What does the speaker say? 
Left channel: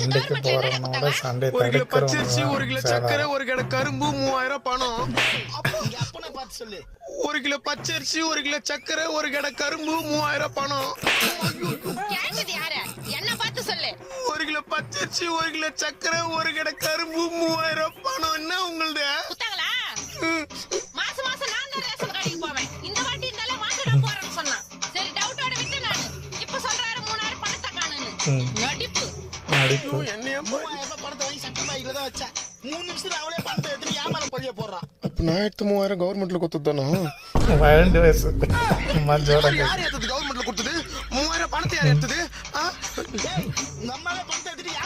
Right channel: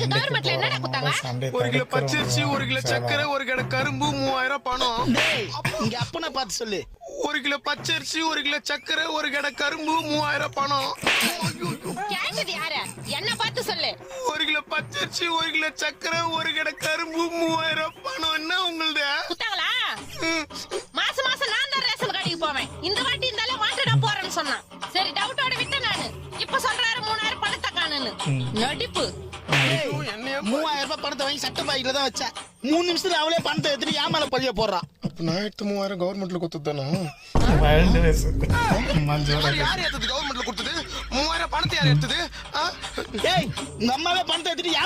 சண்டைக்கு போறவனோட சண்டை ஒரு கிலோ பச்சரிசி, தடுக்கிறவங்க ஒரு கிலோ சக்கரை, ஒரு கடை கரும்பு, 3000 பணம். இங்க அப்பனை பார்த்து சொல்லு. ஒரு கிலோ பச்சரிசி, ஒரு கிலோ சக்கரை, ஒரு கடை கரும்பு, 3000 பணம். கேக்குது யாரு? என்ன பார்த்து சொல்லு. ஒரு கிலோ பச்சரிசி, ஒரு கிலோ சக்கரை, ஒரு கடை கரும்பு, 3000 பணம். என்ன உங்களுது? குத்தாங்களா? மாசம் மாசம் நான் தான் ரேஷன் கடைக்கு போவேன். இந்த வாட்டி இருந்தாலே மாட்டுடா போறேன்னு சொன்னான். சரி டவுட்டோட விட்டேன் நானு. இப்ப சொல்றாரு 3000 பணத்தை காணுன்னு. நடிப்பு. ஐயோ, என்னைய 3000 ரூபாய் பணத்தை வாங்கி சட்டை பாய்க்குல தான் வச்சேன். 3 நிமிஷத்துல அவளே பணத்தை எடுத்துட்டு ஏமால பதிய போடுறான். அப்ப நான் எடுத்து 3000 கவர்மெண்ட்ல கொடுத்துதானா? வைல்டு வயசு மஞ்சோட யார் எடுத்தது? கவர்மெண்ட்ல கொடுத்தது? 3000 பணத்தை யார் எடுத்தது? டேய், உங்க அம்மாவே பணத்தை எடுத்துட்டு